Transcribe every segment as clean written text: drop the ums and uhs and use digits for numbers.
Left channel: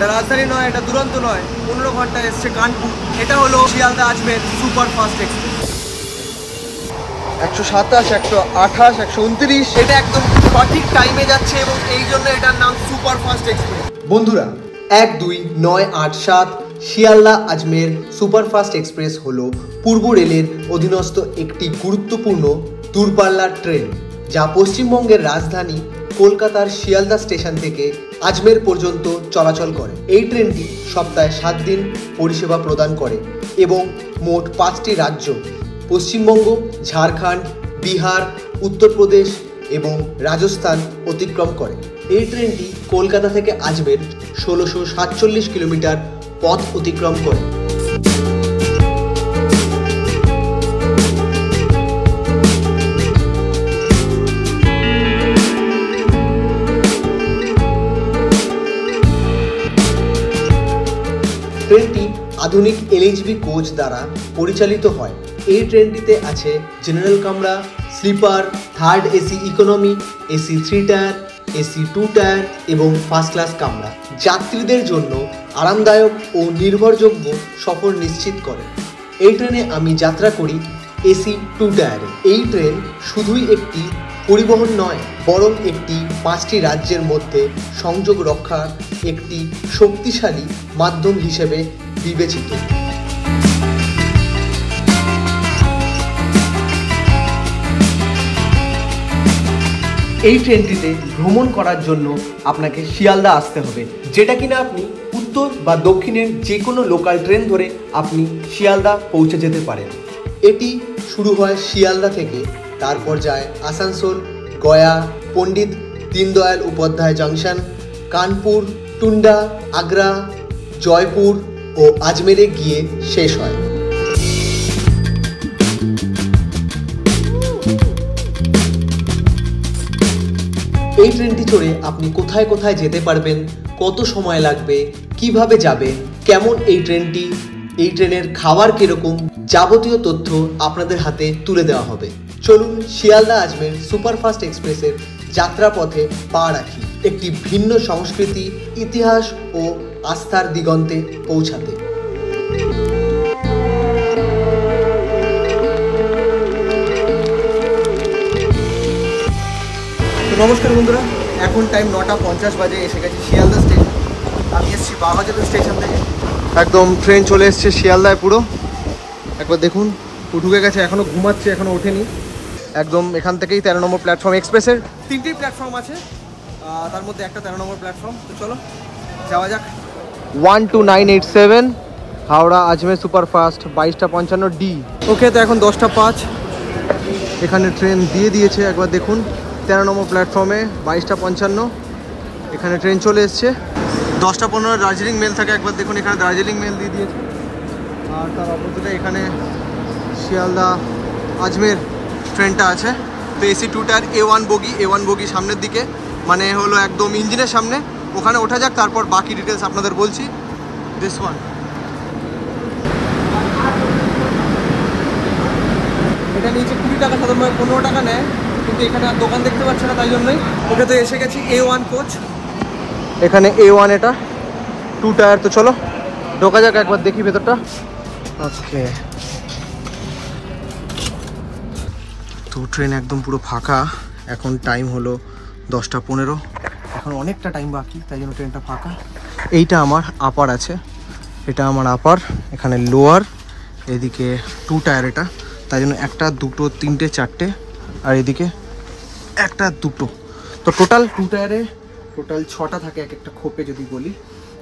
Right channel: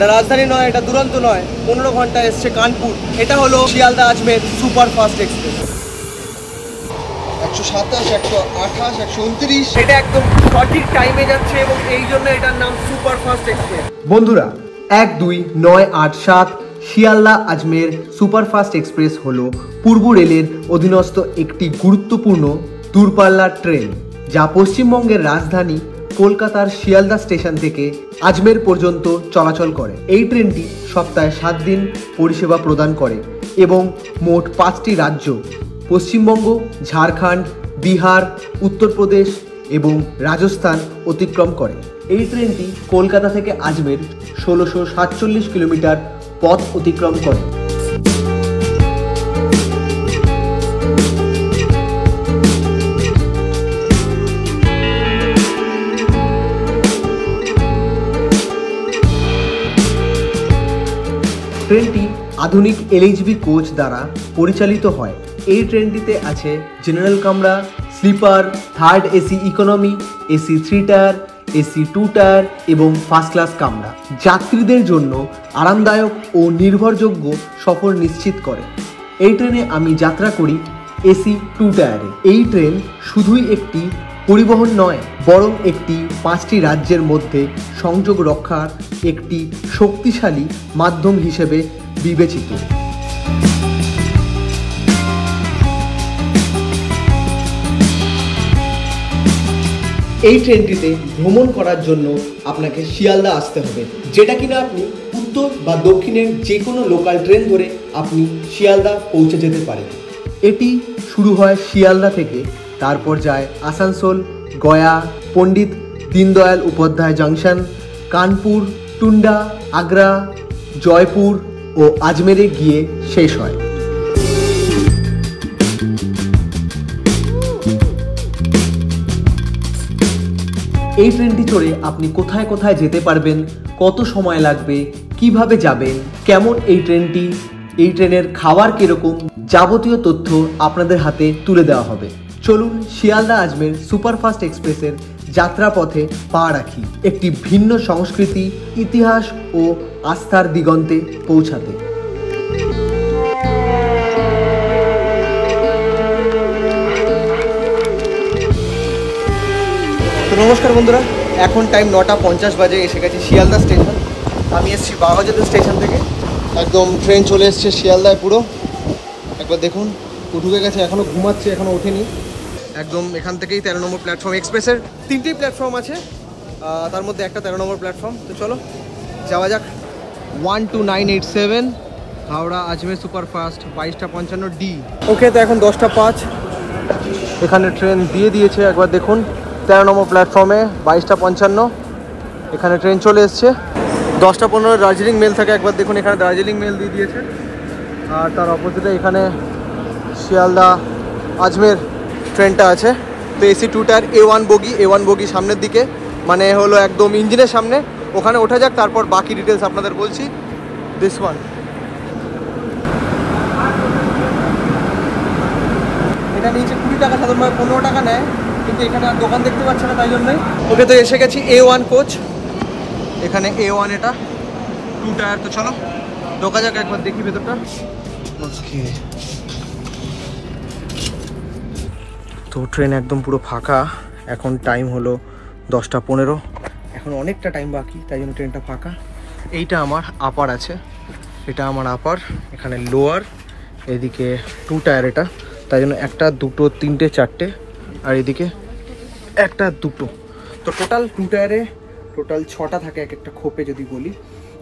এটা রাজধানী নয়, এটা দুরন্ত নয়, 15 ঘন্টা এসছে কানপুর। এটা হলো শিয়ালদা আজমের সুপার ফাস্ট এক্সপ্রেস। 127, 128, 129, এটা একদম সঠিক টাইমে যাচ্ছে এবং এই জন্য এটার নাম সুপার ফাস্ট এক্সপ্রেস। বন্ধুরা, 1, 2, 9, 8, 7 শিয়ালদা আজমের সুপারফাস্ট এক্সপ্রেস হলো পূর্ব রেলের অধীনস্থ একটি গুরুত্বপূর্ণ দূরপাল্লার ট্রেন, যা পশ্চিমবঙ্গের রাজধানী কলকাতার শিয়ালদা স্টেশন থেকে আজমের পর্যন্ত চলাচল করে। এই ট্রেনটি সপ্তাহে 7 দিন পরিষেবা প্রদান করে এবং মোট 5টি রাজ্য পশ্চিমবঙ্গ, ঝাড়খণ্ড, বিহার, উত্তরপ্রদেশ এবং রাজস্থান অতিক্রম করে। এই ট্রেনটি কলকাতা থেকে আজমের 1647 কিলোমিটার পথ অতিক্রম করে। ট্রেনটি আধুনিক এলএইচবি কোচ দ্বারা পরিচালিত হয়। এই ট্রেনটিতে আছে জেনারেল কামরা, sleeper, third AC economy, AC 3 tier, AC 2 tier এবং ফার্স্ট ক্লাস কামরা। যাত্রীদের জন্য আরামদায়ক ও নির্ভরযোগ্য সফর নিশ্চিত করে। এই ট্রেনে আমি যাত্রা করি এসি 2 টায়ারে। এই ট্রেন শুধুই একটি পরিবহন নয়, বরং একটি 5টি রাজ্যের মধ্যে সংযোগ রক্ষার একটি শক্তিশালী মাধ্যম হিসেবে বিবেচিত। এই ট্রেনটিতে ভ্রমণ করার জন্য আপনাকে শিয়ালদা আসতে হবে, যেটা কিনা আপনি উত্তর বা দক্ষিণের যে কোনো লোকাল ট্রেন ধরে আপনি শিয়ালদা পৌঁছে যেতে পারেন। এটি শুরু হয় শিয়ালদা থেকে, তারপর যায় আসানসোল, গয়া, পণ্ডিত দীনদয়াল উপাধ্যায় জংশন, কানপুর, টুন্ডা, আগ্রা, জয়পুর ও আজমেরে গিয়ে শেষ হয়। এই ট্রেনটি চড়ে আপনি কোথায় কোথায় যেতে পারবেন, কত সময় লাগবে, কিভাবে যাবে, কেমন এই ট্রেনটি, এই ট্রেনের খাবার কিরকম, যাবতীয় তথ্য আপনাদের হাতে তুলে দেওয়া হবে। চলুন শিয়ালদা আজমের সুপারফাস্ট এক্সপ্রেসের যাত্রাপথে পা রাখি, একটি ভিন্ন সংস্কৃতি, ইতিহাস ও আস্থার দিগন্তে পৌঁছাতে। নমস্কার বন্ধুরা, এখন টাইম 9:50 বাজে। এসে গেছি শিয়ালদা স্টেশন। আমি এসেছি বাঘাযতীন স্টেশন থেকে। একদম ট্রেন চলে এসছে শিয়ালদায় পুরো। একবার দেখুন, ঢুকে গেছে, এখনও ঘুমাচ্ছে, এখনও ওঠেনি। একদম এখান থেকেই 13 নম্বর প্ল্যাটফর্ম। এক্সপ্রেসের 3টি প্ল্যাটফর্ম আছে, তার মধ্যে একটা 13 নম্বর প্ল্যাটফর্ম। তো চলো যাওয়া যাক। 12987 হাওড়া আজমের সুপারফাস্ট 22:55 ডি। ওকে, তো এখন 10:05। এখানে ট্রেন দিয়ে দিয়েছে, একবার দেখুন 13 নম্বর প্ল্যাটফর্মে 22:55 এখানে ট্রেন চলে এসছে। 10:15 দার্জিলিং মেল থাকে, একবার দেখুন এখানে দার্জিলিং মেল দিয়ে দিয়েছে। আর তার অপোজিটে এখানে শিয়ালদা আজমের ট্রেনটা আছে। তো এসি 2 টায়ার A1 বগি সামনের দিকে, মানে হলো একদম ইঞ্জিনের সামনে। ওখানে ওঠা যাক, তারপর বাকি ডিটেলস আপনাদের বলছি। দিস ওয়ান, এটা নিচে 20 টাকা, সাধারণভাবে 15 টাকা নেয়, কিন্তু এখানে আর দোকান দেখতে পাচ্ছ না, তাই জন্যই। ওকে, তো এসে গেছি A1 কোচ। এখানে A1, এটা 2 টায়ার। তো চলো ঢোকা যাক, একবার দেখি ভেতরটা। ওকে, তো ট্রেন একদম পুরো ফাঁকা। এখন টাইম হলো 10:15, এখন অনেকটা টাইম বাকি, তাই জন্য ট্রেনটা ফাঁকা। এইটা আমার আপার আছে, এটা আমার আপার, এখানে লোয়ার, এদিকে 2 টায়ার এটা, তাই জন্য 1, 2, 3, 4, আর এদিকে 1, 2। তো টোটাল 2 টায়ারে টোটাল 6টা থাকে এক একটা খোপে যদি বলি,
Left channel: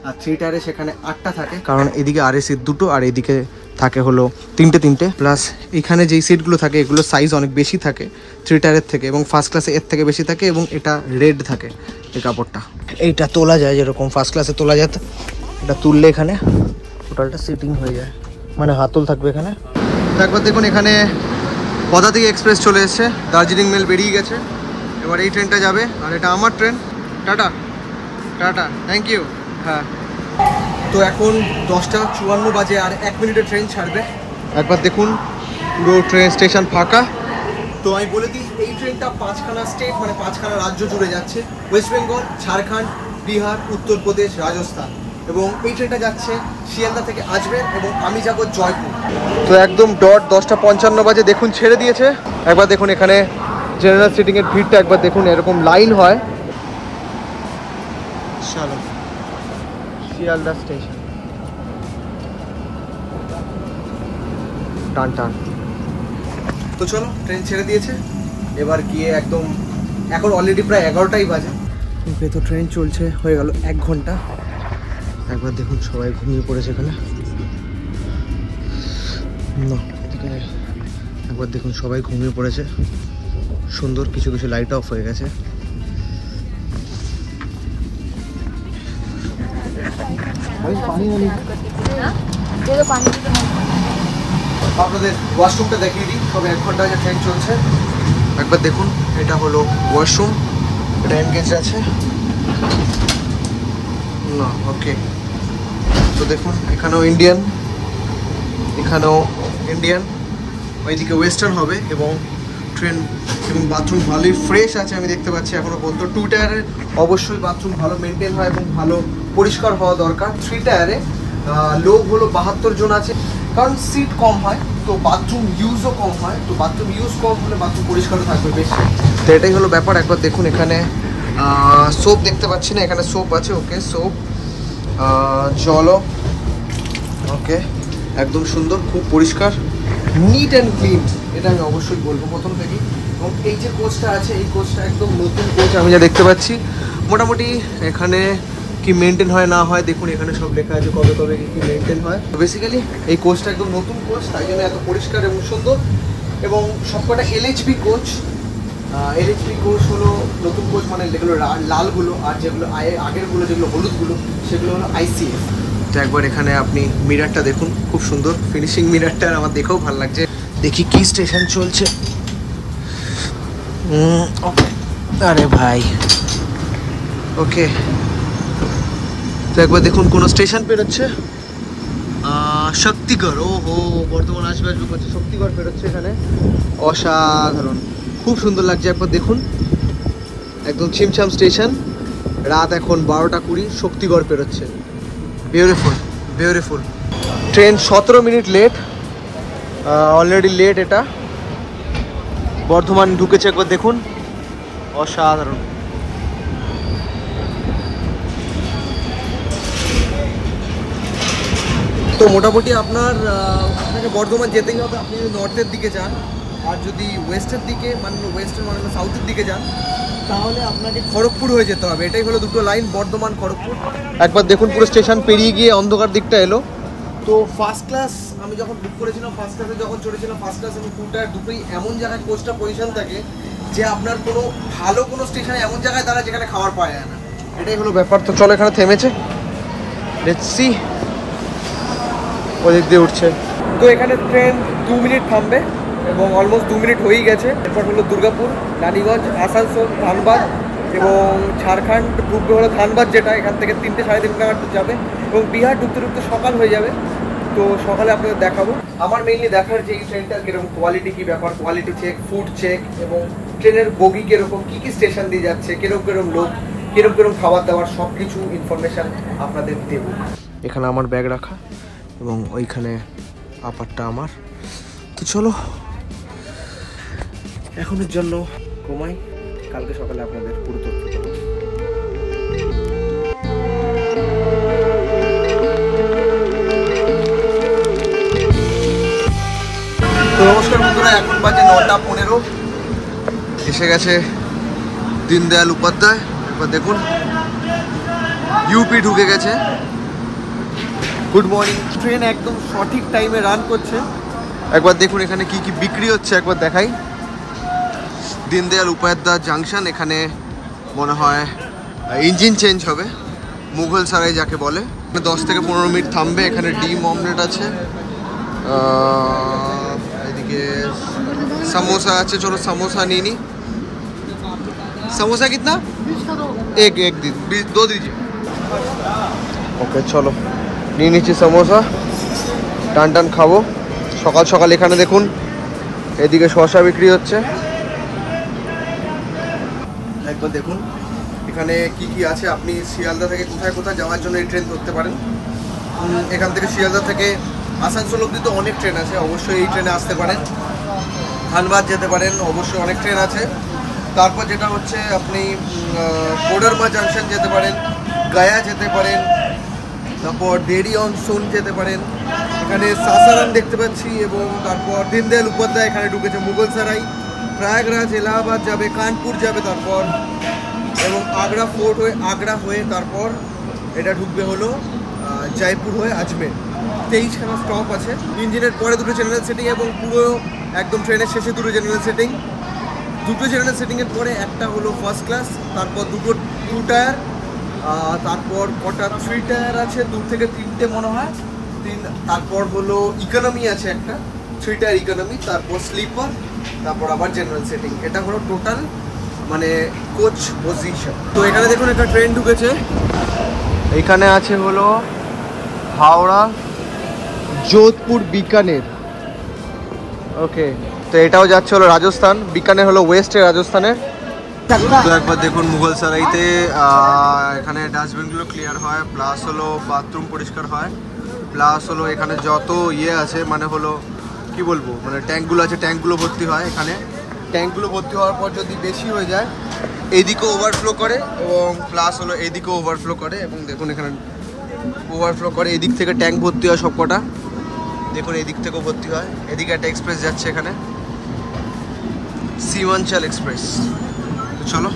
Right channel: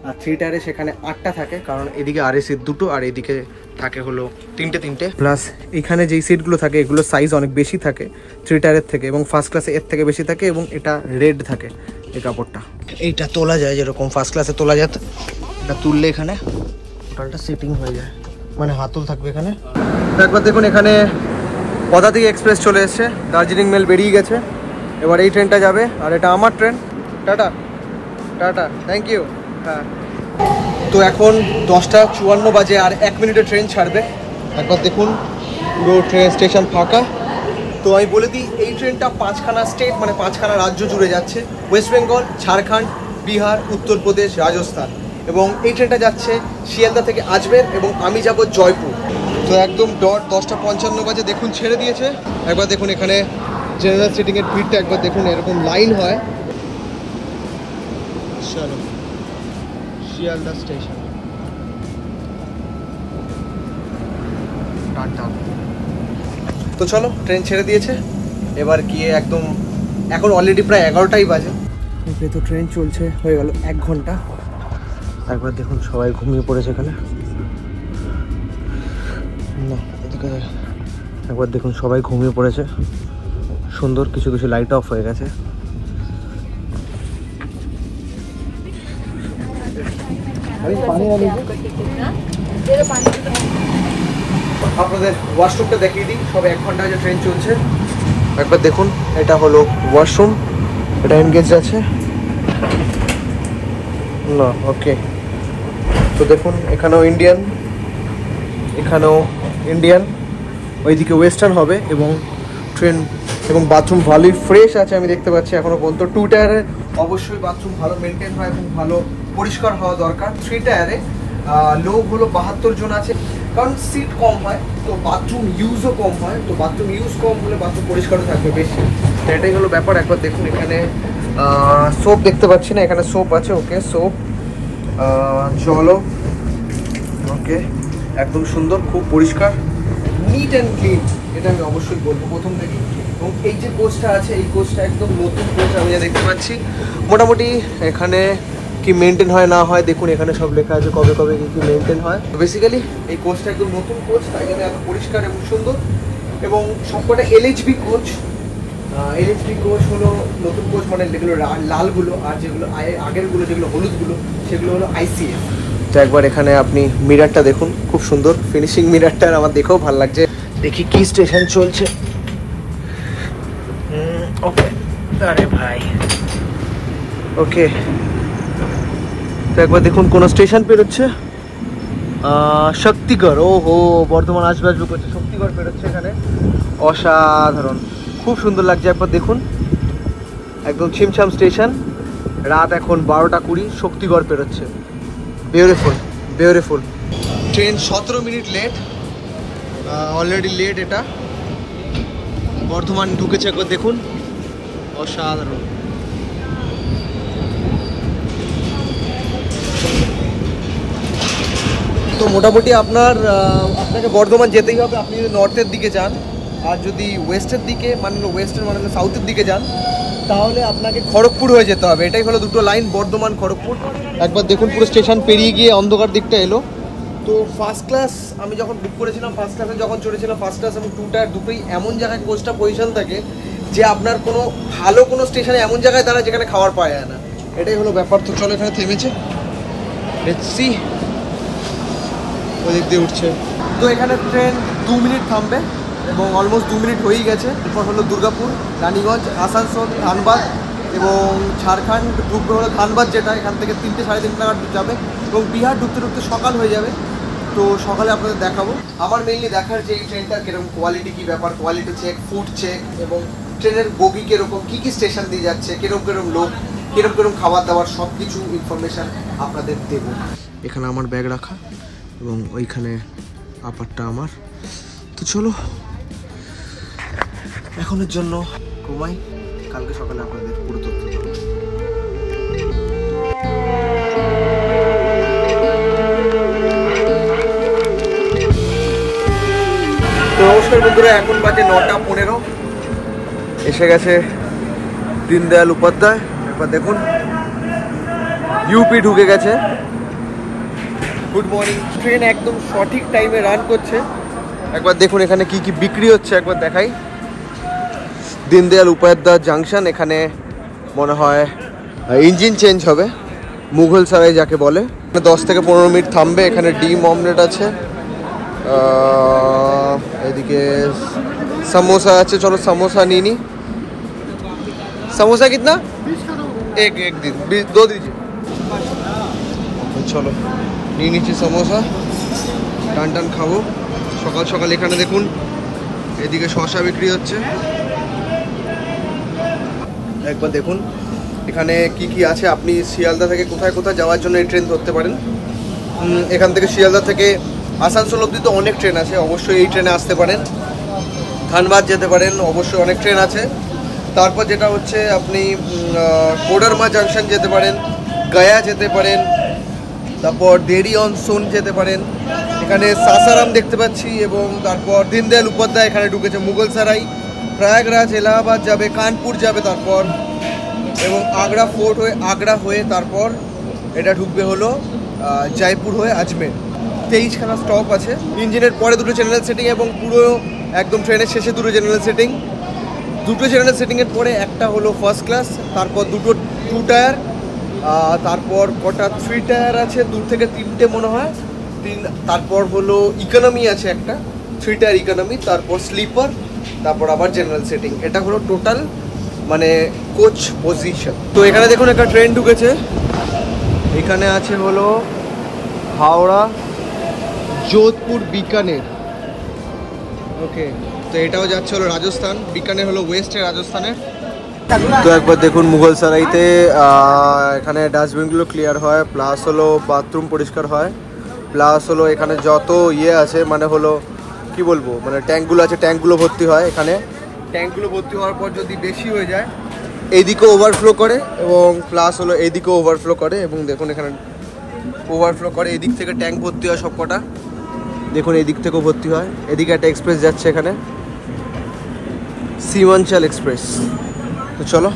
আর 3 টায়ারে সেখানে 8টা থাকে, কারণ এদিকে আরএসির 2টো আর এদিকে থাকে হলো 3টে। প্লাস এখানে যেই সিটগুলো থাকে এগুলো সাইজ অনেক বেশি থাকে 3 টায়ারের থেকে, এবং ফার্স্ট ক্লাসে এর থেকে বেশি থাকে, এবং এটা রেড থাকে এই কাপড়টা। এইটা তোলা যায়, যেরকম ফার্স্ট ক্লাসে তোলা যায়, এটা তুললে এখানে টোটালটা সিটিং হয়ে যায়, মানে হাতল থাকবে এখানে। তো একবার দেখুন, এখানে পদাতিক এক্সপ্রেস চলে এসছে, দার্জিলিং মেল বেরিয়ে গেছে। এবার এই ট্রেনটা যাবে, আর এটা আমার train. Tata tata, thank you. হ্যাঁ, তো এখন 10:54 বাজে, আর 1 মিনিটে ট্রেন ছাড়বে। একবার দেখুন পুরো ট্রেন স্টেশন ফাঁকা। তো আমি বলে দিই, এই ট্রেনটা 5খানা স্টেট, মানে 5খানা রাজ্য জুড়ে যাচ্ছে। ওয়েস্ট বেঙ্গল, ঝাড়খণ্ড, বিহার, উত্তরপ্রদেশ, রাজস্থান। এবং এই ট্রেনটা যাচ্ছে শিয়ালদা থেকে আজমের এবং আমি যাব জয়পুর। তো একদম ডট 10:55 বাজে দেখুন ছেড়ে দিয়েছে। একবার দেখুন এখানে জেনারেল সিটিংয়ের ভিড়টা একবার দেখুন, এরকম লাইন হয়। চলো শিয়ালদা স্টেশন টান টান। তো চলো ট্রেন ছেড়ে দিয়েছে, এবার গিয়ে একদম এখন অলরেডি প্রায় 11টাই বাজে। তো ট্রেন চলছে হয়ে গেল 1 ঘন্টা। একবার দেখুন সবাই ঘুমিয়ে পড়েছে এখানে না, এখানে একবার দেখুন সবাই ঘুমিয়ে পড়েছে। সুন্দর কিছু কিছু লাইট অফ হয়ে গেছে। আপনাদের ওয়াশরুমটা দেখিয়ে দিই। সবে 1 ঘন্টা যে ট্রেন চলছে। একবার দেখুন এটা হলো ওয়াশরুম, এটা এনগেজ আছে না। ওকে, তো দেখুন এখানেও ইন্ডিয়ান, এখানেও ইন্ডিয়ান, ওইদিকে ওয়েস্টার্ন হবে। এবং ট্রেন এবং বাথরুম ভালোই ফ্রেশ আছে আমি দেখতে পাচ্ছি এখনো পর্যন্ত। 2 টায়ারে অবশ্যই বাথরুম ভালো মেনটেন হয় এবং ভালো পরিষ্কার হওয়া দরকার। 3 টায়ারে লোক হলো 72 জন আছে, কারণ সিট কম হয় তো বাথরুম ইউজও কম হয়। তো বাথরুম ইউজ কম হলে বাথরুম পরিষ্কারও থাকবে বেশি। তো এটাই হলো ব্যাপার। একবার দেখুন এখানে সোপ দেখতে পাচ্ছি না, এখানে সোপ আছে। ওকে, সোপ, জলও ওকে, একদম সুন্দর, খুব পরিষ্কার, নিট অ্যান্ড ক্লিন, এটা আমি অবশ্যই বলবো প্রথম থেকে। এবং এই যে কোচটা আছে এই কোচটা একদম নতুন কোচ আমি যা দেখতে পাচ্ছি। মোটামুটি এখানে কি মেনটেন হয় না হয় দেখুন এখানে সব লেখা আছে কবে কবে কি মেনটেন হয়। বেসিক্যালি এই কোচটা একদম নতুন কোচ, তাই জন্য এত পরিষ্কার এবং সুন্দর। এবং সবকটা LHB কোচ। LHB কোচ হলো নতুন কোচ, মানে যেগুলো লালগুলো, আর যেগুলো আগেরগুলো যেগুলো হলুদগুলো সেগুলো হলো ICF। তো একবার এখানে আপনি মিরারটা দেখুন, খুব সুন্দর ফিনিশিং মিরারটা, আমার দেখেও ভালো লাগছে। দেখি কি স্টেশন চলছে। ওকে, আরে ভাই ওকে, তো একবার দেখুন কোন স্টেশন পেরোচ্ছে। শক্তিগড়, ও হো, বর্ধমান আসবে আসবে করছে, শক্তিগড় পেরোচ্ছে এখানে। অসাধারণ, খুব সুন্দর লাগছে। একবার দেখুন একদম ছিমছাম স্টেশন। রাত এখন 12টা 20, শক্তিগড় পেরোচ্ছে। Beautiful beautiful. Train 17 minute late, already late. এটা বর্ধমান ঢুকেছে, একবার দেখুন, অসাধারণ। তো মোটামুটি আপনাকে বর্ধমান যেতেই হবে আপনি যদি নর্থের দিকে যান। আর যদি ওয়েস্টের দিকে মানে সাউথের দিকে যান তাহলে আপনাকে খড়গপুর হয়ে যেতে হবে। এটাই হলো দুটো লাইন, বর্ধমান খড়গপুর। একবার দেখুন পুরো স্টেশন পেরিয়ে গিয়ে অন্ধকার দিকটা এলো। তো ফার্স্ট ক্লাস আমি যখন বুক করেছিলাম, ফার্স্ট ক্লাসে যখন চড়েছিলাম, ফার্স্ট ক্লাস এবং 2 টায়ার দুটোই এমন জায়গায় কোচটা পজিশন থাকে যে আপনার কোনো ভালো কোনো স্টেশনে এমন জায়গায় দাঁড়ায় যেখানে খাবার পাওয়া যায় না। এটাই হলো ব্যাপার। তো চলো এখানে থেমেছে, লেটস সি। ওদিক দিয়ে উঠছে। তো এখানে ট্রেন 2 মিনিট থামবে এবং অলমোস্ট 2 মিনিট হয়েই গেছে। এরপর হলো দুর্গাপুর, রানীগঞ্জ, আসানসোল, ধানবাদ এবং ঝাড়খণ্ড ঢুকবে হলো ধানবাদ, যেটা এখান থেকে 3টে 3:30 নাগাদ যাবে। এবং বিহার ঢুকতে ঢুকতে সকাল হয়ে যাবে। তো সকালে আপনাদের দেখাবো। আমার মেইনলি দেখার যে এই ট্রেনটা কীরকম কোয়ালিটি, কী ব্যাপার, কোয়ালিটি চেক, ফুড চেক এবং ট্রেনের বগি কীরকম, কী কী স্টেশন দিয়ে যাচ্ছে, কীরকম লোক, কীরকম খাবার দাবার, সব কিছু ইনফরমেশান আপনাদের দেব। এখানে আমার ব্যাগ রাখা এবং ওইখানে আপারটা আমার। তো চলো এখনের জন্য ঘুমাই, কালকে সকালে আপনাদের পুরো তথ্য দেবো। তো নমস্কার বন্ধুরা, এখন বাজে 9টা 15। এসে গেছে দীনদয়াল উপাধ্যায়। একবার দেখুন ইউপি ঢুকে গেছে। Good morning. ট্রেন একদম সঠিক টাইমে রান করছে। একবার দেখুন এখানে কি কি বিক্রি হচ্ছে, একবার দেখাই। দীনদয়াল উপাধ্যায় জাংশন, এখানে মনে হয় ইঞ্জিন চেঞ্জ হবে, মুঘল সারাই যাকে বলে। 10 থেকে 15 মিনিট থামবে। এখানে ডিম অমলেট আছে, এদিকে समोसा আছে। চলো समोसा নিয়ে নি। समोसा कितना? एक दो दीजिए। ওকে চলো নিয়ে নিচ্ছি समोसा, টান টান খাবো সকাল সকাল। এখানে দেখুন এদিকে শসা বিক্রি হচ্ছে। একবার দেখুন এখানে কি কি আছে, আপনি শিয়ালদা থেকে কোথায় কোথায় যাওয়ার জন্য এই ট্রেন ধরতে পারেন। এখান থেকে শিয়ালদা থেকে আসানসোল অবধি তো অনেক ট্রেন আছে, অবশ্যই এই ট্রেনে আসতে পারেন। ধানবাদ যেতে পারেন, অবশ্যই অনেক ট্রেন আছে। তারপর যেটা হচ্ছে আপনি কোডারমা জাংশন যেতে পারেন, গয়া যেতে পারেন, তারপর দেরি অন সোন যেতে পারেন। এখানে সাসারাম দেখতে পাচ্ছি, এবং তারপর দীনদয়াল উপাধ্যায় এখানে ঢুকেছে, মুঘলসরাই, প্রয়াগরাজ, এলাহাবাদ যাবে, কানপুর যাবে, তারপর এবং আগ্রা ফোর্ট হয়ে আগ্রা হয়ে তারপর এটা ঢুকবে হলো জয়পুর হয়ে আজমের। 23খানা স্টপ আছে। ইঞ্জিনের পরে দুটো জেনারেল সিটিং এবং পুরো একদম ট্রেনের শেষে দুটো জেনারেল সিটিং। দুটো জেনারেল সিটিংয়ের পরে একটা হলো ফার্স্ট ক্লাস, তারপর দুটো 2 টায়ার, তারপর কটা 3 টায়ার আছে, 2 থেকে 3টে মনে হয়, তারপর হলো ইকোনমি আছে একটা 3 টায়ার ইকোনমি, তারপর স্লিপার, তারপর আবার জেনারেল সিটিং। এটা হলো টোটাল মানে কোচ পজিশন। তো এখানে দেখুন একটা ট্রেন ঢুকেছে, এখানে আছে হলো হাওড়া যোধপুর বিকানের। ওকে, তো এটাও যাচ্ছে হলো রাজস্থান, বিকানের হলো ওয়েস্টে রাজস্থানের। তো একবার দেখুন মুঘলসরাইতে এখানে ডাস্টবিনগুলো ক্লিয়ার হয়, প্লাস হলো বাথরুম পরিষ্কার হয়, প্লাস হলো এখানে যত ইয়ে আছে মানে হলো কি বলবো, মানে ট্যাঙ্কগুলো আছে, ট্যাঙ্কগুলো ভর্তি হয়। এখানে ট্যাঙ্কগুলো ভর্তি হওয়ার পর যদি বেশি হয়ে যায় এইদিকেও ওভারফ্লো করে, এবং প্লাস হলো এইদিকেও ওভারফ্লো করে, এবং দেখুন এখানে ওভারফ্লো করে, এদিক থেকে ট্যাঙ্ক ভর্তি হয় সব কটা, দেখুন এদিক থেকেও ভর্তি হয়। এদিকে একটা এক্সপ্রেস যাচ্ছে, এখানে সীমাঞ্চল এক্সপ্রেস। তো চলো,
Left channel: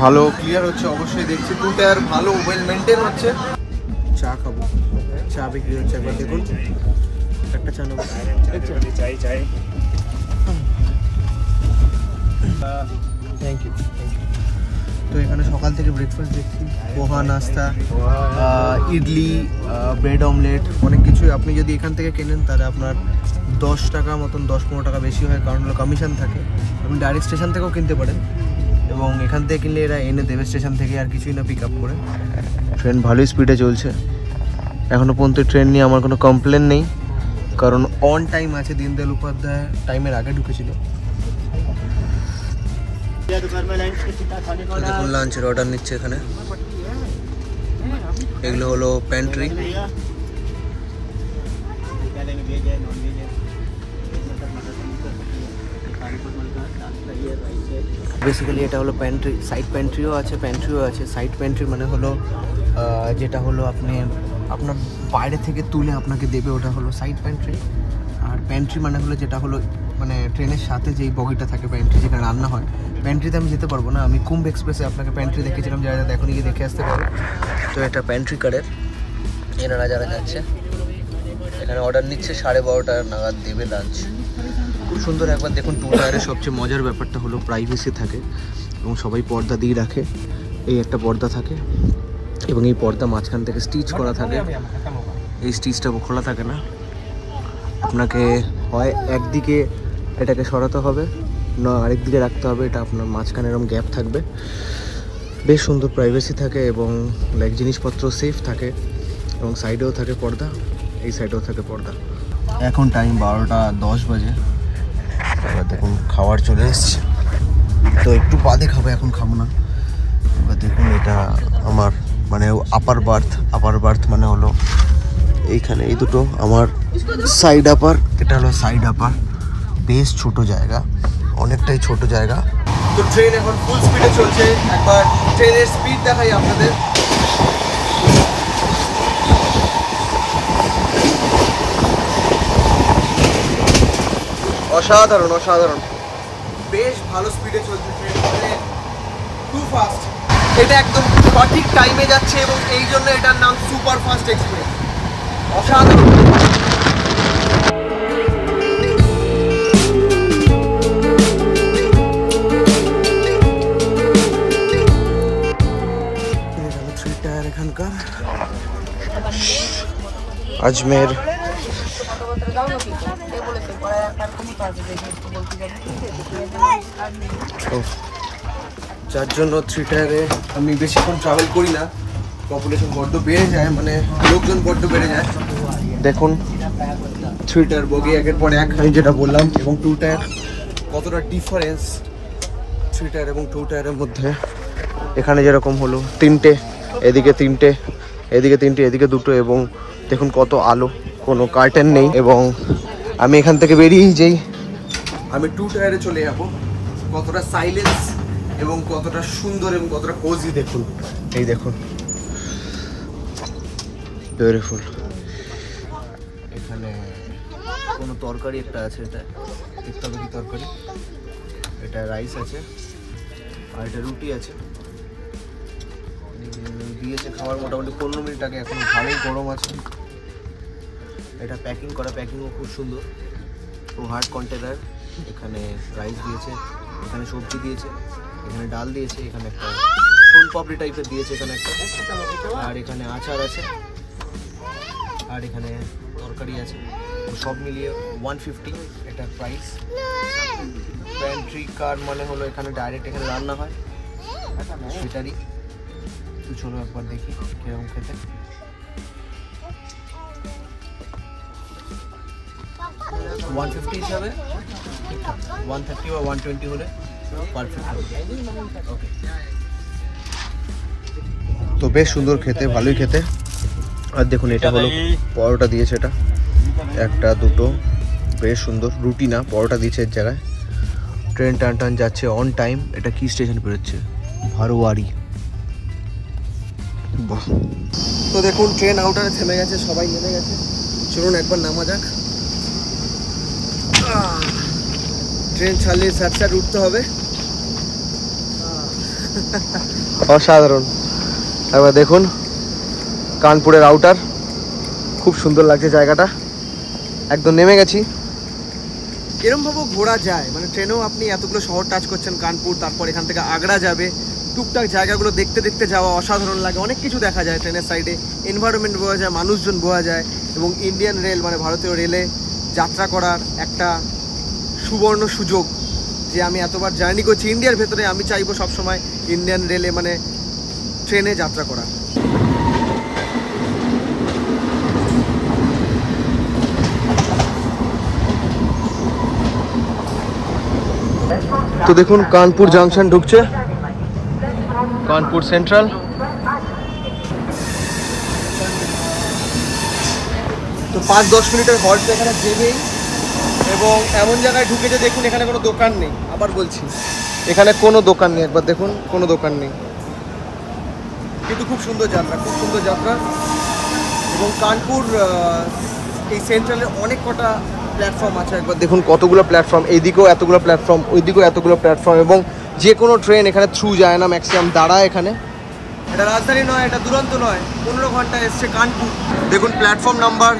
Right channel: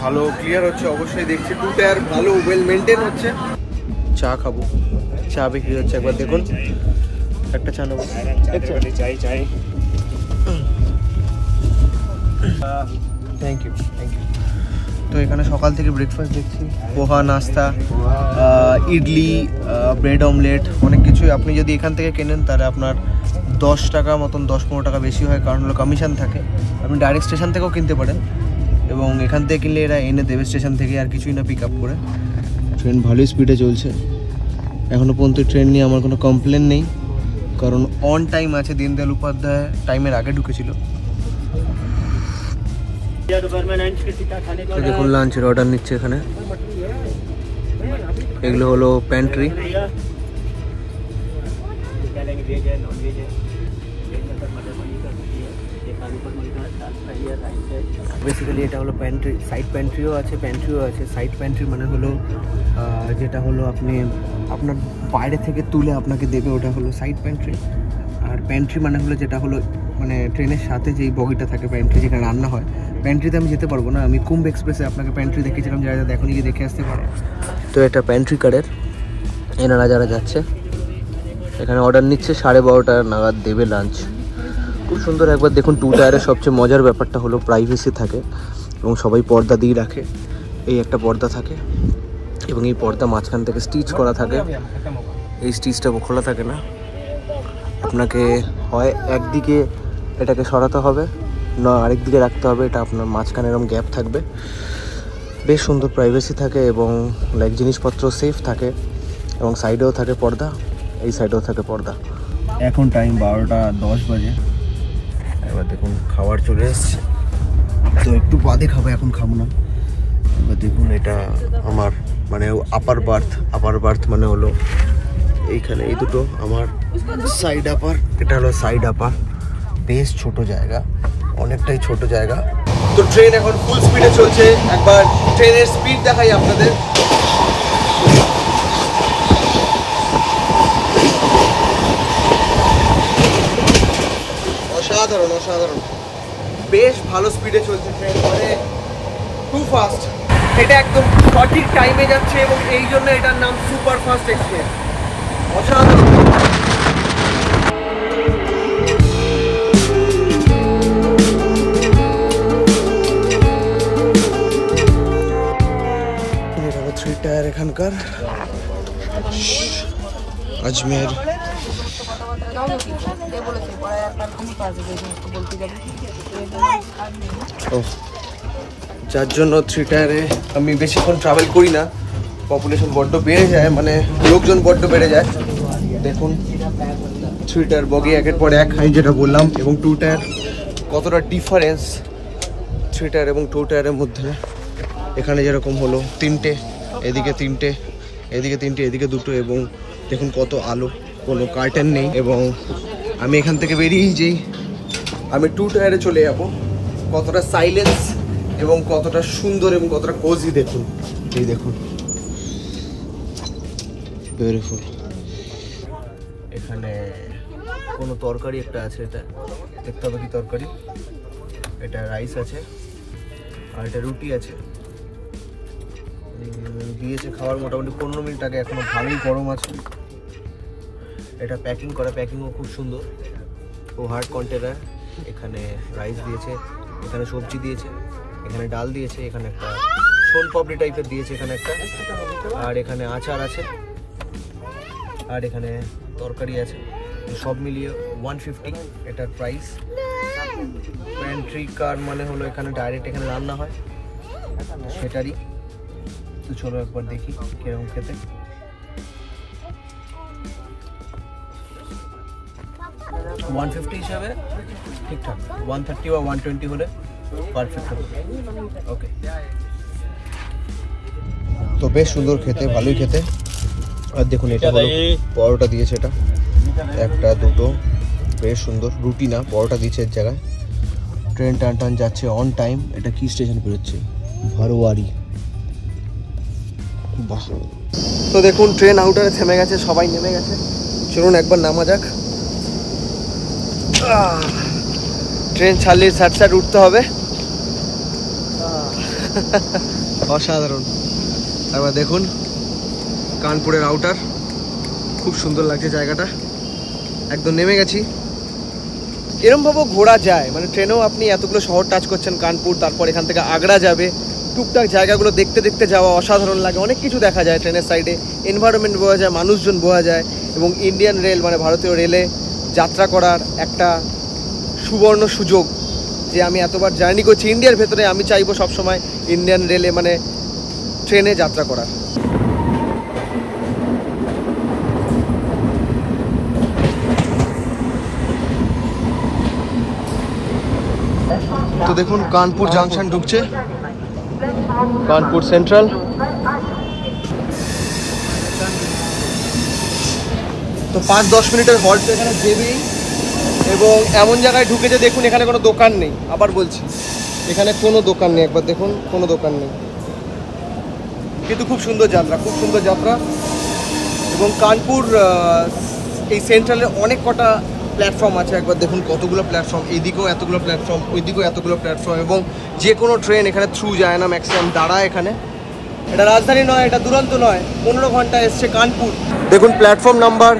ভালো ক্লিয়ার হচ্ছে অবশ্যই, দেখছি 2 টায়ার ভালো ওয়েল মেনটেন হচ্ছে। চা খাবো, চা বিক্রি হচ্ছে, একবার দেখুন, একটা চা নেবো। চাই চাই। Thank you. তো এখানে সকাল থেকে ব্রেকফাস্ট দেখছি, পোহা নাস্তা, ইডলি, ব্রেড অমলেট, অনেক কিছুই। আপনি যদি এখান থেকে কেনেন তাহলে আপনার 10 টাকা মতন, 10-15 টাকা বেশি হয়, কারণ হলো কমিশন থাকে। আপনি ডাইরেক্ট স্টেশন থেকেও কিনতে পারেন, এবং এখান থেকে কিনলে এরা এনে দেবে স্টেশন থেকে, আর কিছুই না, পিক আপ করে। ট্রেন ভালোই স্পিডে চলছে, এখনও পর্যন্ত ট্রেন নিয়ে আমার কোনো কমপ্লেন নেই, কারণ অন টাইম আছে। দীনদয়াল উপাধ্যায় টাইমের আগে ঢুকেছিল। দেখুন লাঞ্চের অর্ডার নিচ্ছে এখানে, এগুলো হলো প্যান্ট্রি। বেসিক্যালি এটা হলো প্যান্ট্রি, সাইড প্যান্ট্রিও আছে, সাইড প্যান্ট্রি মানে হলো যেটা হলো আপনি আপনার বাইরে থেকে তুলে আপনাকে দেবে, ওটা হলো সাইড প্যান্ট্রি। আর প্যান্ট্রি মানে হলো যেটা হলো মানে ট্রেনের সাথে যেই বগিটা থাকে প্যান্ট্রি, যেখানে রান্না হয়। প্যান্ট্রিতে আমি যেতে পারবো না, আমি কুম্ভ এক্সপ্রেসে আপনাকে প্যান্ট্রি দেখিয়েছিলাম, যারা যারা এখনই গিয়ে দেখে আসতে পারো। তো এটা প্যান্ট্রি কারের, এনারা যারা যাচ্ছে এখানে অর্ডার নিচ্ছে, 12:30 নাগাদ দেবে লাঞ্চ। খুব সুন্দর, একবার দেখুন। 2 টায়ারের সবচেয়ে মজার ব্যাপারটা হলো প্রাইভেসি থাকে, এবং সবাই পর্দা দিয়ে রাখে। এই একটা পর্দা থাকে, এবং এই পর্দা মাঝখান থেকে স্টিচ করা থাকে, এই স্টিচটা খোলা থাকে না। আপনাকে হয় একদিকে এটাকে সরাতে হবে, না আরেক দিকে রাখতে হবে, এটা আপনার মাঝখানে এরকম গ্যাপ থাকবে। বেশ সুন্দর প্রাইভেসি থাকে, এবং লাইক জিনিসপত্র সেফ থাকে, এবং সাইডেও থাকে পর্দা, এই সাইডেও থাকে পর্দা। এখন টাইম 12:10 বাজে। এবার দেখুন খাবার চলে এসছে, তো একটু বাদে খাবো, এখন খাবো না। এবার দেখুন এটা আমার মানে আপার বার্থ মানে হলো এইখানে এই দুটো আমার সাইড আপার, এটা হলো সাইড আপার। বেশ ছোট জায়গা, অনেকটাই ছোট জায়গা। তো ট্রেন এখন ফুল স্পিডে চলছে, একবার ট্রেনের স্পিড দেখাই আপনাদের। অসাধারণ অসাধারণ, বেশ ভালো স্পিডে চলছে ট্রেন, মানে খুব ফাস্ট। এটা একদম সঠিক টাইমে যাচ্ছে, এবং এই জন্য এটার নাম সুপার ফাস্ট এক্সপ্রেস। অসাধারণ। এটা 3 টায়ার এখানকার, আজমের। যার জন্য 3 টায়ারে আমি বেশিক্ষণ ট্রাভেল করি না, পপুলেশন বড্ড বেড়ে যায়, মানে লোকজন বড্ড বেড়ে যায়। দেখুন 3 টায়ার বগি একের পর এক, আমি যেটা বললাম, এবং 2 টায়ার কতটা ডিফারেন্স 3 টায়ার এবং 2 টায়ারের মধ্যে। এখানে যেরকম হলো তিনটে, এদিকে তিনটে, এদিকে তিনটে, এদিকে দুটো, এবং দেখুন কত আলো, কোনো কার্টেন নেই। এবং আমি এখান থেকে বেরিয়ে যেই আমি 2 টায়ারে চলে যাব, কতটা সাইলেন্স এবং কতটা সুন্দর এবং কতটা কোজি দেখুন। এই দেখুন, বিউটিফুল। এখানে কোনো তরকারি একটা আছে, এটা দেখতে হবে কি তরকারি। এটা রাইস আছে আর এটা রুটি আছে, দিয়েছে খাওয়ার মোটামুটি 15 মিনিট আগে, এখনো ভালোই গরম আছে। এটা প্যাকিং করা, প্যাকিংও খুব সুন্দর, ও হার্ড কন্টেনার। এখানে রাইস দিয়েছে, এখানে সবজি দিয়েছে, এখানে ডাল দিয়েছে, এখানে একটা সোন পাপড়ি টাইপের দিয়েছে এখানে একটা, আর এখানে আচার আছে, আর এখানে তরকারি আছে। সব মিলিয়ে 150 এটার প্রাইস। প্যান্ট্রি কার মানে হলো এখানে ডাইরেক্ট এখানে রান্না হয় সেটারই। তো চলো একবার দেখি কিরকম খেতে। $150 হিসাবে ঠিকঠাক, 130 বা 120 হলে পারফেক্ট হবে। ওকে, তো বেশ সুন্দর খেতে, ভালোই খেতে। আর দেখুন এটা হলো পরোটা দিয়েছে, এটা একটা দুটো, বেশ সুন্দর। রুটি না, পরোটা দিয়েছে এর জায়গায়। ট্রেন টান টান যাচ্ছে অন টাইম। এটা কি স্টেশন বেরোচ্ছে? ভারোয়ারি। বাহ। তো দেখুন ট্রেন আউটারে থেমে গেছে, সবাই নেমে গেছে। চলুন একবার নামা যাক। ট্রেন ছাড়লে সাট উঠতে হবে। অসাধারণ। একবার দেখুন কানপুরের আউটার, খুব সুন্দর লাগছে জায়গাটা। একদম নেমে গেছি। এরমভাবেও ঘোরা যায়, মানে ট্রেনেও আপনি এতগুলো শহর টাচ করছেন, কানপুর, তারপর এখান থেকে আগ্রা যাবে, টুকটাক জায়গাগুলো দেখতে দেখতে যাওয়া অসাধারণ লাগে। অনেক কিছু দেখা যায় ট্রেনের সাইডে, এনভায়রনমেন্ট বোঝা যায়, মানুষজন বোঝা যায়। এবং ইন্ডিয়ান রেল মানে ভারতীয় রেলে যাত্রা করার একটা সুবর্ণ সুযোগ, যে আমি এতবার জার্নি করছি ইন্ডিয়ার ভেতরে, আমি চাইবো সবসময় ইন্ডিয়ান রেলে মানে ট্রেনে যাত্রা করার। তো দেখুন কানপুর জাংশন ঢুকছে, কানপুর সেন্ট্রাল। তো 5-10 মিনিটের হল্ট এখানে দেবেই। এবং এমন জায়গায় ঢুকেছে দেখুন এখানে কোনো দোকান নেই, আবার বলছি এখানে কোনো দোকান নেই। একবার দেখুন কোনো দোকান নেই, কিন্তু খুব সুন্দর যাত্রা, খুব সুন্দর যাত্রা। এবং কানপুর এই সেন্ট্রালে অনেক কটা প্ল্যাটফর্ম আছে। একবার দেখুন কতগুলো প্ল্যাটফর্ম, এইদিকেও এতগুলো প্ল্যাটফর্ম, ওইদিকেও এতগুলো প্ল্যাটফর্ম। এবং যে কোনো ট্রেন এখানে থ্রু যায় না, ম্যাক্সিমাম দাঁড়ায় এখানে। এটা রাজধানী নয়, এটা দুরন্ত নয়, 15 ঘন্টা এসছে কানপুর। দেখুন প্ল্যাটফর্ম নাম্বার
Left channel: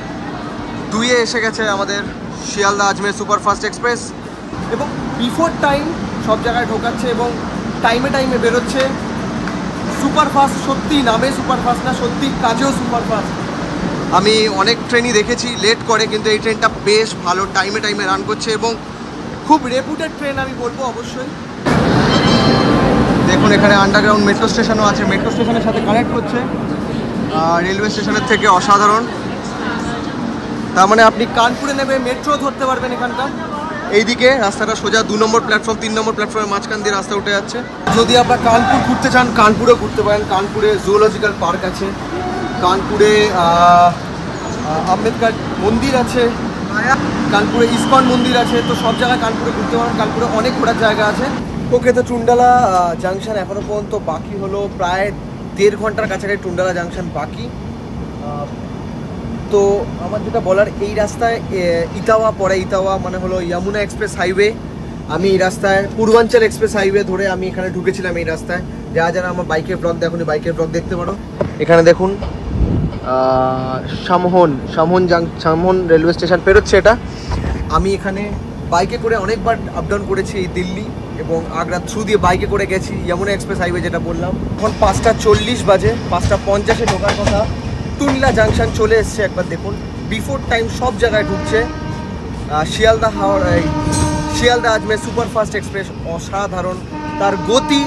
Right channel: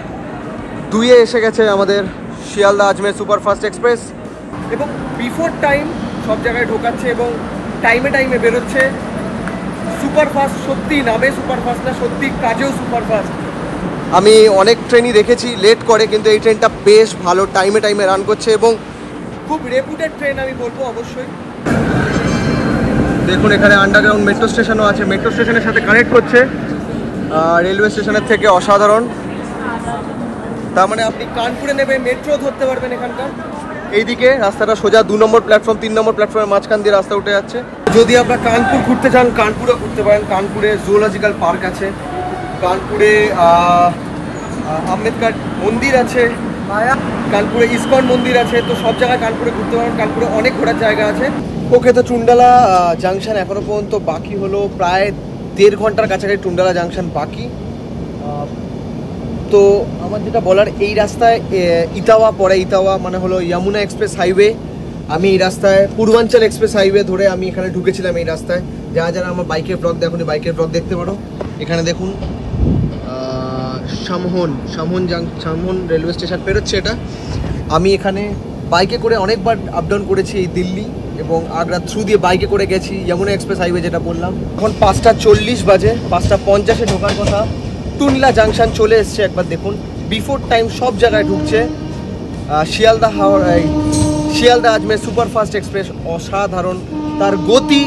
2-এ এসে গেছে আমাদের শিয়ালদা আজমের সুপারফাস্ট এক্সপ্রেস। এবং বিফোর টাইম সব জায়গায় ঢোকাচ্ছে এবং টাইমে টাইমে বেরোচ্ছে। সুপারফাস্ট, সত্যি নামে সুপারফাস্ট না, সত্যি কাজেও সুপারফাস্ট। আমি অনেক ট্রেনই দেখেছি লেট করে, কিন্তু এই ট্রেনটা বেশ ভালো, টাইমে টাইমে রান করছে এবং খুব রেপুটেড ট্রেন আমি বলবো অবশ্যই। দেখুন এখানে আন্ডারগ্রাউন্ড মেট্রো স্টেশনও আছে, মেট্রো স্টেশনের সাথে কানেক্ট করছে রেলওয়ে স্টেশনের থেকে। অসাধারণ। তার মানে আপনি কানপুরে নেবে মেট্রো ধরতে পারবেন এখানকার। এইদিকে রাস্তাটা সোজা 2 নম্বর প্ল্যাটফর্ম, 3 নম্বর প্ল্যাটফর্মের মাঝখান দিয়ে রাস্তা উঠে যাচ্ছে। যদি আপনার কানপুর ঘুরতে চান, কানপুরে ঘুরতে পারেন। কানপুরে জুওলজিক্যাল পার্ক আছে, কানপুরে আম্বেদকর মন্দির আছে, কানপুরে ইসকন মন্দির আছে। তো সব জায়গায় কানপুরে ঘুরতে পারেন, কানপুরে অনেক ঘোরার জায়গা আছে। ওকে, তো টুন্ডালা জাংশন এখনো পর্যন্ত বাকি হলো প্রায় 1.5 ঘন্টার কাছাকাছি টুন্ডালা জাংশন বাকি। তো আমার যেটা বলার, এই রাস্তায় ইটাওয়া পড়ে, ইটাওয়া মানে হলো যমুনা এক্সপ্রেস হাইওয়ে। আমি এই রাস্তায় পূর্বাঞ্চল এক্সপ্রেস হাইওয়ে ধরে আমি এখানে ঢুকেছিলাম এই রাস্তায়। যারা যারা আমার বাইকের ব্লগ দেখুন, বাইকের ব্লগ দেখতে পারো। এখানে দেখুন সামহন রেলওয়ে স্টেশন পেরোচ্ছে এটা। আমি এখানে বাইকে করে অনেকবার আপ ডাউন করেছি এই দিল্লি এবং আগ্রা থ্রু দিয়ে বাইকে করে গেছি যমুনা এক্সপ্রেস হাইওয়ে যেটা বললাম। এখন 5:40 বাজে, 5:50-এ ঢোকার কথা। টুন্ডলা জাংশন চলে এসছে, একবার দেখুন। বিফোর টাইম সব জায়গায় ঢুকছে। শিয়ালদা আজমের সুপারফাস্ট এক্সপ্রেস অসাধারণ, তার গতি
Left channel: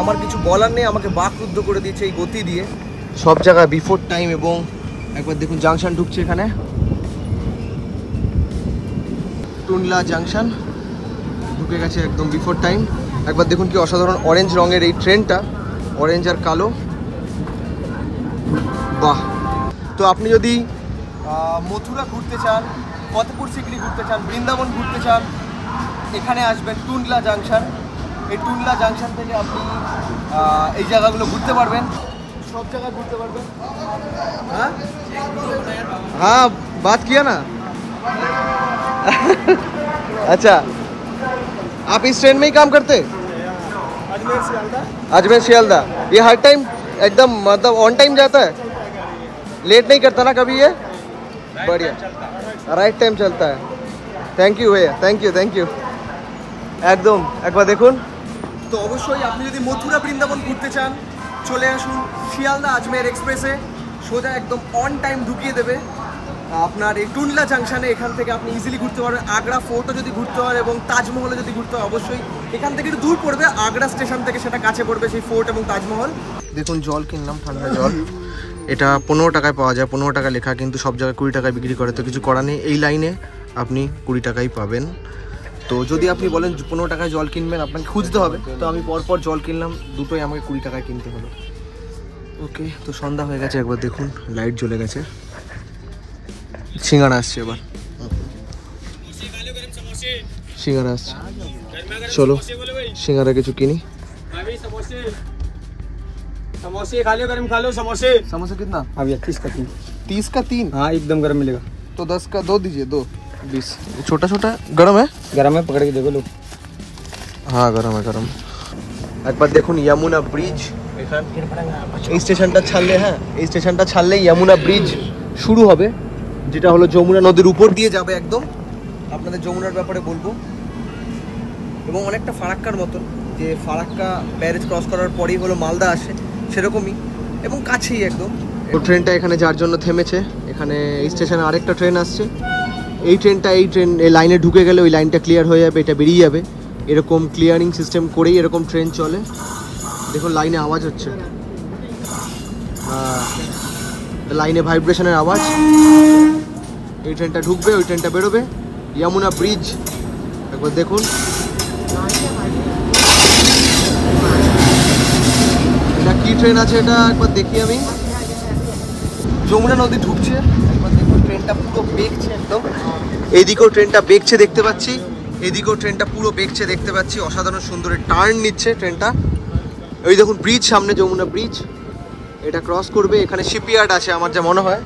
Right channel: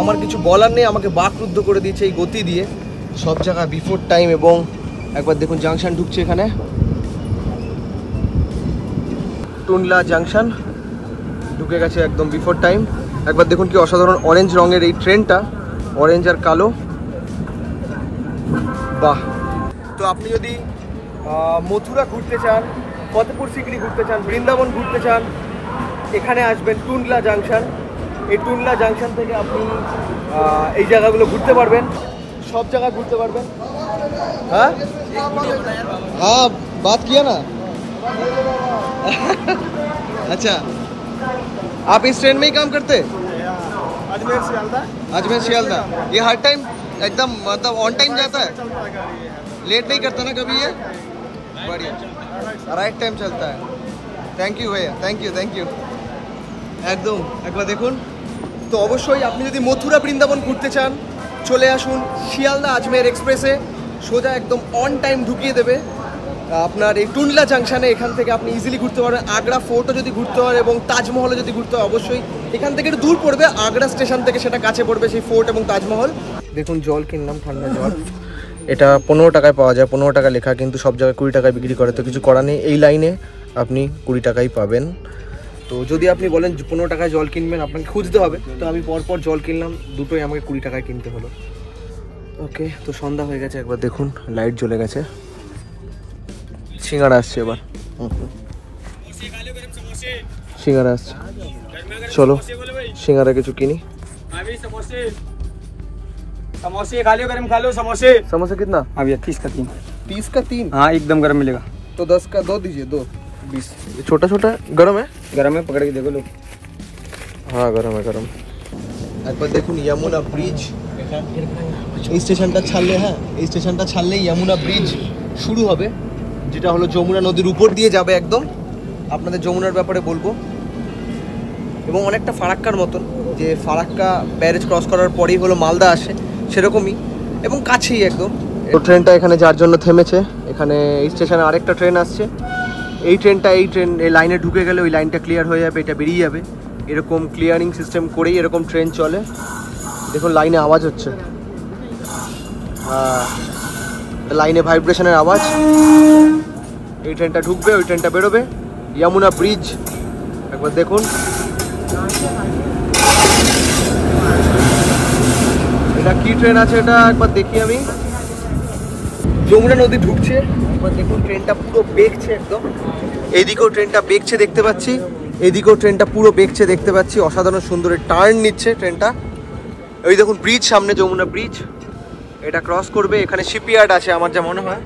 আমার কিছু বলার নেই, আমাকে বাকরুদ্ধ করে দিয়েছে এই গতি দিয়ে সব জায়গায় বিফোর টাইম। এবং একবার দেখুন জাংশন ঢুকছে এখানে, টুন্ডলা জাংশন ঢুকে গেছে একদম বিফোর টাইম। একবার দেখুন কি অসাধারণ অরেঞ্জ রঙের এই ট্রেনটা, অরেঞ্জ আর কালো, বাহ। তো আপনি যদি মথুরা ঘুরতে চান, ফতেপুর সিকরি ঘুরতে চান, বৃন্দাবন ঘুরতে চান, এখানে আসবেন টুন্ডলা জাংশন। এই টুন্ডলা জাংশন থেকে আপনি এই জায়গাগুলো ঘুরতে পারবেন, सब जगह घूमते पारबेन। हाँ हाँ बात किया ना। अच्छा आप इस ट्रेन में ही काम करते? अजमेर शियालदा। ये हर टाइम एकदम मतलब ऑन टाइम जाता है, लेट नहीं करता ना कभी? ये बढ़िया, राइट टाइम चलता है। थैंक यू भैया, थैंक यू थैंक यू। একদম একবার দেখুন। তো অবশ্যই আপনি যদি মথুরা বৃন্দাবন ঘুরতে চান চলে আসুন শিয়ালদা আজমের এক্সপ্রেসে, সোজা একদম অন টাইম ঢুকিয়ে দেবে আপনার এই টুন্ডলা জাংশনে। এখান থেকে আপনি ইজিলি ঘুরতে পারবেন। আগ্রা ফোর্টও যদি ঘুরতে হয় এবং তাজমহলও যদি ঘুরতে হয়, অবশ্যই এখান থেকে একটু দূর পড়বে, আগ্রা স্টেশন থেকে সেটা কাছে পড়বে সেই ফোর্ট এবং তাজমহল। দেখুন জল কিনলাম, ঠান্ডা জল। এটা 15 টাকায় পাওয়া যায়, 15 টাকা লেখা, কিন্তু সব জায়গায় 20 টাকায় বিক্রি করে। তো কিছু করার নেই, এই লাইনে আপনি 20 টাকাই পাবেন। তো যদি আপনি বলেন 15 টাকায় জল কিনবেন, আপনাকে খুঁজতে হবে। তো আমি পরপর জল কিনলাম, দুটোই আমাকে 20 টাকায় কিনতে হলো। ওকে, তো সন্ধ্যা হয়ে গেছে, একবার দেখুন লাইট জ্বলে গেছে। সিঙ্গারা আসছে এবার, সিঙ্গারা আসছে। চলো সিঙ্গারা কিছু কিনি। समोसे खा लो, गरम खा लो समोसे। समोसा कितना? हाँ भैया 30 का 3। 30 का 3? हाँ एकदम गरम मिलेगा। तो 10 का 2 दीजिए, 2 20। छोटा छोटा गरम है? गरम है, पकड़ के देखो लो। हाँ गरम है गरम। एक बार देखুন यमुना ब्रिज। এই স্টেশনটা ছাড়লে, হ্যাঁ এই স্টেশনটা ছাড়লে যমুনা ব্রিজ শুরু হবে, যেটা হলো যমুনা নদীর উপর দিয়ে যাবে একদম। আপনাদের যমুনার ব্যাপারে বলবো, এবং অনেকটা ফারাক্কার মতন, যে ফারাক্কা ব্যারেজ ক্রস করার পরেই হলো মালদা আসে, সেরকমই এবং কাছেই একদম। তো ট্রেনটা এখানে যার জন্য থেমেছে, এখানে এই স্টেশনে আরেকটা ট্রেন আসছে। এই ট্রেনটা এই লাইনে ঢুকে গেলে ওই লাইনটা ক্লিয়ার হয়ে যাবে, এটা বেরিয়ে যাবে। এরকম ক্লিয়ারিং সিস্টেম করেই এরকম ট্রেন চলে। দেখুন লাইনে আওয়াজ হচ্ছে, লাইনে ভাইব্রেশনের আওয়াজ। এই ট্রেনটা ঢুকবে, ওই ট্রেনটা বেরোবে। যমুনা ব্রিজ একবার দেখুন। এটা কি ট্রেন আছে এটা একবার দেখি আমি। যমুনা নদী ঢুকছে, একবার দেখুন ট্রেনটা পুরো বেঁকছে একদম। এইদিকেও ট্রেনটা বেঁকছে দেখতে পাচ্ছি, এদিকেও ট্রেনটা পুরো বেঁকছে দেখতে পাচ্ছি। অসাধারণ সুন্দর টার্ন নিচ্ছে ট্রেনটা। ওই দেখুন ব্রিজ সামনে, যমুনা ব্রিজ। এটা ক্রস করবে, এখানে শিপইয়ার্ড আছে আমার যা মনে হয়।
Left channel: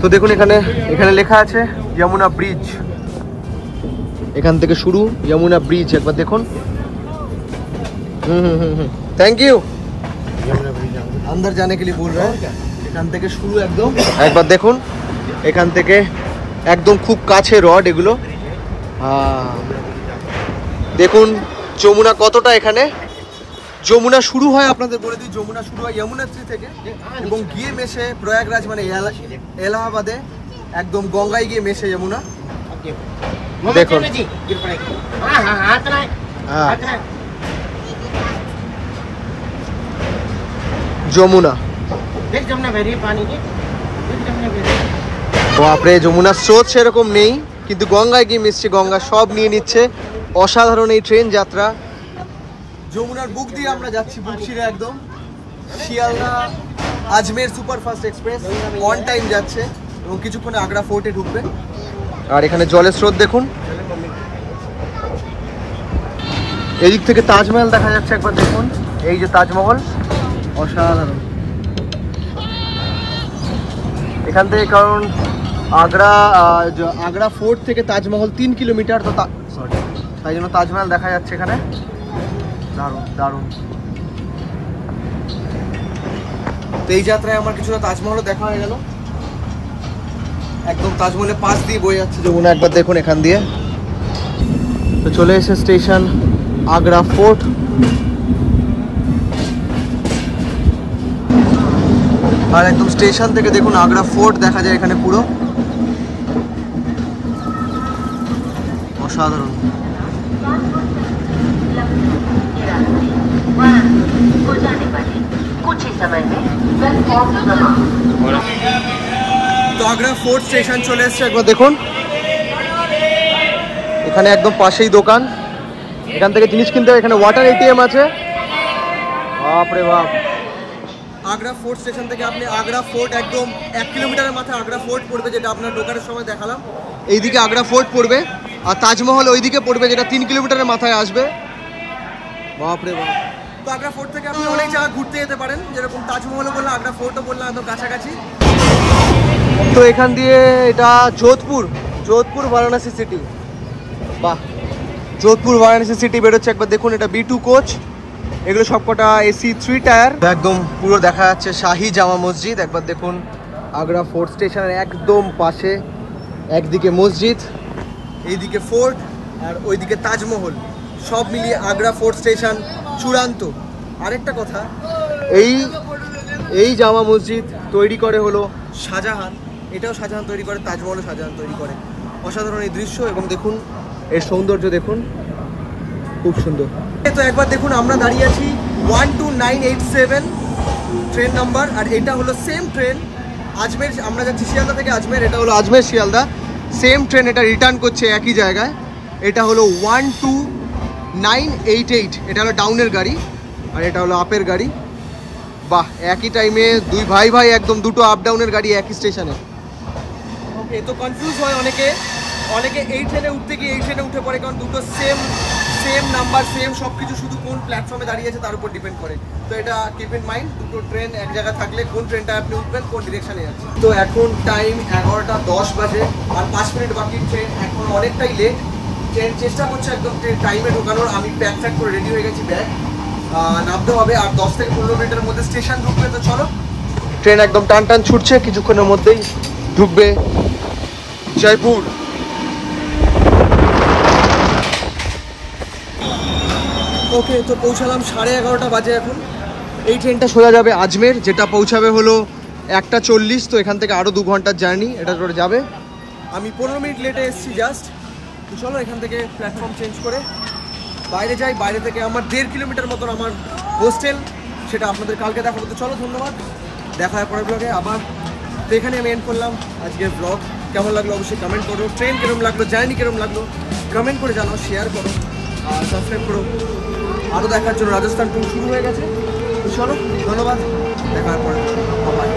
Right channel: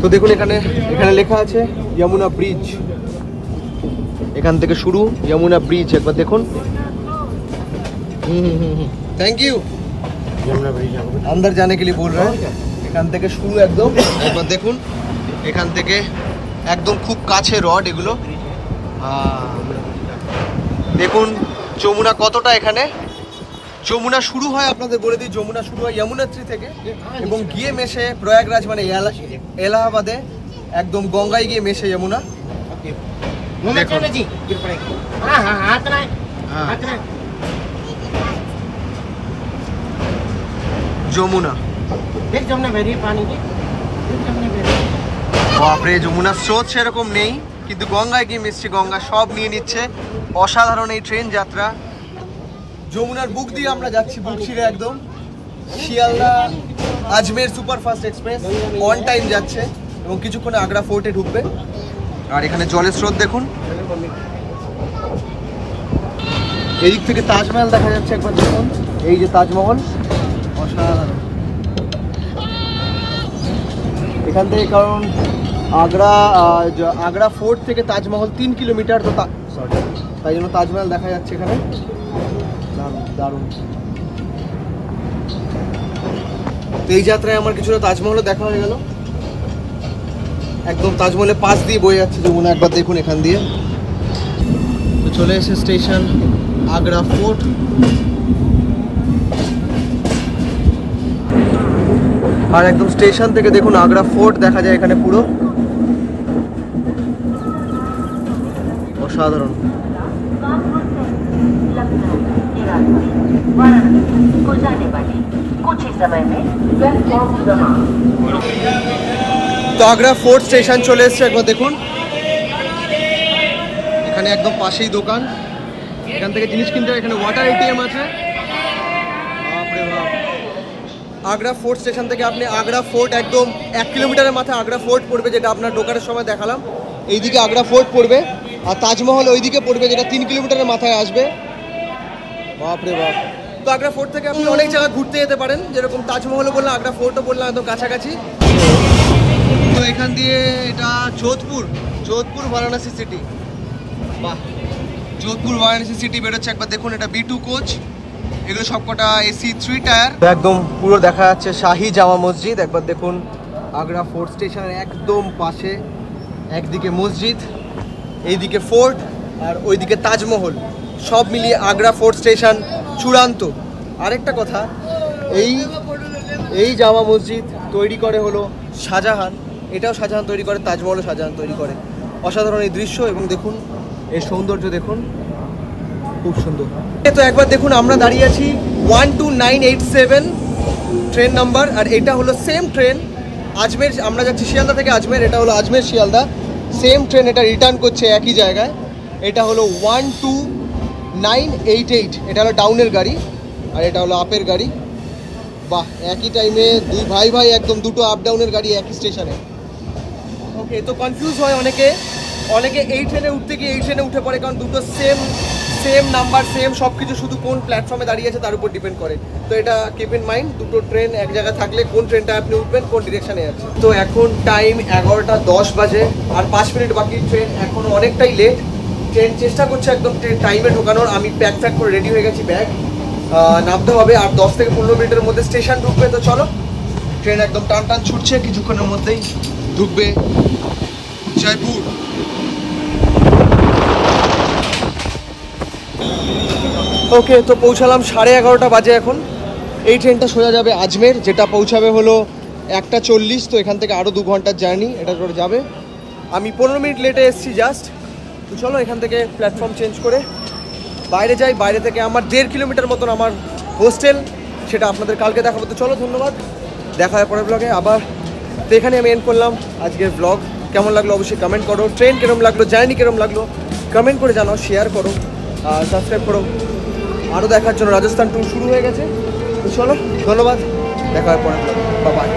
তো দেখুন এখানে লেখা আছে যমুনা ব্রিজ, এখান থেকে শুরু যমুনা ব্রিজ। একবার দেখুন। Thank you. अंदर जाने के लिए बोल रहे हैं। এখান থেকে শুরু একদম, একবার দেখুন এখান থেকে একদম খুব কাছে রড এগুলো। দেখুন যমুনা কতটা, এখানে যমুনা শুরু হয়, আপনাদের বলে দিই যমুনা শুরু হয় যমুনাত্রী থেকে এবং গিয়ে মেশে প্রয়াগরাজ মানে এলাহাবাদে, একদম গঙ্গায় গিয়ে মেশে যমুনা। দেখুন যমুনা, বাপরে যমুনার স্রোত সেরকম নেই, কিন্তু গঙ্গায় গিয়ে মিশছে, গঙ্গা সব নিয়ে নিচ্ছে। অসাধারণ এই ট্রেন যাত্রা। যমুনার বুক দিয়ে আমরা যাচ্ছি, বুক ছিঁড়ে একদম। শিয়ালদা আজমের সুপারফাস্ট এক্সপ্রেস অন টাইম যাচ্ছে এবং কিছুক্ষণে আগ্রা ফোর্টে ঢুকবে। আর এখানে জলের স্রোত দেখুন, এদিক থেকে তাজমহল দেখা যাচ্ছে, একবার দেখুন। এই যে তাজমহল, অসাধারণ। এখান থেকে, কারণ আগ্রা ফোর্ট থেকে তাজমহল 3 কিলোমিটার, তো তাই জন্য তাজমহল দেখা যাচ্ছে এখানে। দারুণ দারুণ। তো এই যাত্রায় আমার কিছুটা তাজমহলও দেখা হয়ে গেল। একদম তাজমহলের পাশ দিয়ে বয়ে যাচ্ছে যমুনা, একবার দেখুন এখান দিয়ে। তো চলে এসে স্টেশন আগ্রা ফোর্ট। আর একদম স্টেশন থেকে দেখুন আগ্রা ফোর্ট দেখা যায় এখানে পুরো। অসাধারণ। তো আগ্রা ফোর্ট স্টেশন চলে এসছে, একবার দেখুন। এখানে একদম পাশেই দোকান, এখান থেকে জিনিস কিনতে হবে। এখানে ওয়াটার এটিএম আছে, বাপরে বাপ। আগ্রা ফোর্ট স্টেশন থেকে আপনি আগ্রা ফোর্ট একদম 1 কিলোমিটারের মাথায় আগ্রা ফোর্ট পড়বে, যেটা আপনার ঢোকার সময় দেখালাম। এইদিকে আগ্রা ফোর্ট পড়বে, আর তাজমহল ওইদিকে পড়বে, যেটা 3 কিলোমিটারের মাথায় আসবে। বাপরে বাপ। তো আগ্রা ফোর্ট থেকে আপনি অনেক জায়গা ঘুরতে যেতে পারেন, যেরকম তাজমহলও বললাম, আগ্রা ফোর্টও বললাম, একদম কাছাকাছি। তো এখান দিয়ে এটা যোধপুর বারাণসী সিটি। বাহ, যোধপুর বারাণসী সিটি বেরোচ্ছে। একবার দেখুন, এটা B2 কোচ, এগুলো সবকটা AC 3 টায়ার। একদম পুরো দেখা যাচ্ছে শাহী জামা মসজিদ। একবার দেখুন, আগ্রা ফোর্ট স্টেশনের একদম পাশে, একদিকে মসজিদ, এইদিকে ফোর্ট, আর ওইদিকে তাজমহল, সব মিলিয়ে আগ্রা ফোর্ট স্টেশন চূড়ান্ত। আরেকটা কথা, এই জামা মসজিদ তৈরি করে হলো শাহজাহান, এটাও শাহজাহান তৈরি করে, তাজমহলও শাহজাহান তৈরি করে। অসাধারণ এই দৃশ্য, এবং দেখুন এই সৌন্দর্য, দেখুন খুব সুন্দর। তো একবার দেখুন, আমরা দাঁড়িয়ে আছি 12987 ট্রেন নাম্বার, আর এটা হলো সেম ট্রেন আজমের। আমরা যাচ্ছি শিয়ালদা থেকে আজমের, এটা হলো আজমের শিয়ালদা সেম ট্রেন, এটা রিটার্ন করছে একই জায়গায়। এটা হলো 12988, এটা হলো ডাউনের গাড়ি, আর এটা হলো আপের গাড়ি। বাহ, একই টাইমে দুই ভাই একদম দুটো আপ ডাউনের গাড়ি একই স্টেশনে। ওকে, তো কনফিউজ হয় অনেকে এই ট্রেনে উঠতে গিয়ে এই ট্রেনে উঠে পড়ে, কারণ দুটো সেম নাম্বার, সেম সব কিছু, শুধু কোন প্ল্যাটফর্মে দাঁড়িয়ে আছে তার উপর ডিপেন্ড করে। তো এটা কিপ ইন মাইন্ড, দুটো ট্রেন এক জায়গায় থাকলে কোন ট্রেনটা আপনি উঠবেন, কোন ডিরেকশনে যাচ্ছে। তো এখন টাইম 11টা 10 বাজে, আর 5 মিনিট বাকি। ট্রেন এখন অনেকটাই লেট, ট্রেন চেষ্টা করছে একদম টাইমে ঢোকানোর। আমি প্যাক করে রেডি হয়ে গেছি, ব্যাগ নামতে হবে, আর 10 থেকে 15 মিনিটের মধ্যে স্টেশন ঢুকবে। তো চলো, ট্রেন একদম টান ছুটছে, কিছুক্ষণের মধ্যেই ঢুকবে জয়পুর। ওকে, তো পৌঁছালাম 11:30 বাজে এখন। এই ট্রেনটা সোজা যাবে আজমের, যেটা পৌঁছাবে হলো 1:40। তো এখান থেকে আরও 2 ঘন্টার জার্নি এটা করে যাবে। আমি 15 মিনিট লেটে এসেছি জাস্ট। তো চলো, এখান থেকে প্ল্যাটফর্ম চেঞ্জ করে বাইরে যাই। বাইরে থেকে আমার 1.5 কিলোমিটার মতন আমার হোস্টেল, সেটা আপনাদের কালকে দেখাবো। তো চলো, ধন্যবাদ, দেখা হয় পরের ব্লগে আবার। তো এখানে আমি এন্ড করলাম আজকের ব্লগ। কেমন লাগলো অবশ্যই কমেন্ট করো, ট্রেন কিরম লাগলো, জার্নি কিরম লাগলো কমেন্ট করে জানাও, শেয়ার করো, আর সাবস্ক্রাইব করো আরও দেখার জন্য। রাজস্থান ট্যুর শুরু হয়ে গেছে। তো চলো, ধন্যবাদ, দেখা হয় পরের ব্লগে। বাই।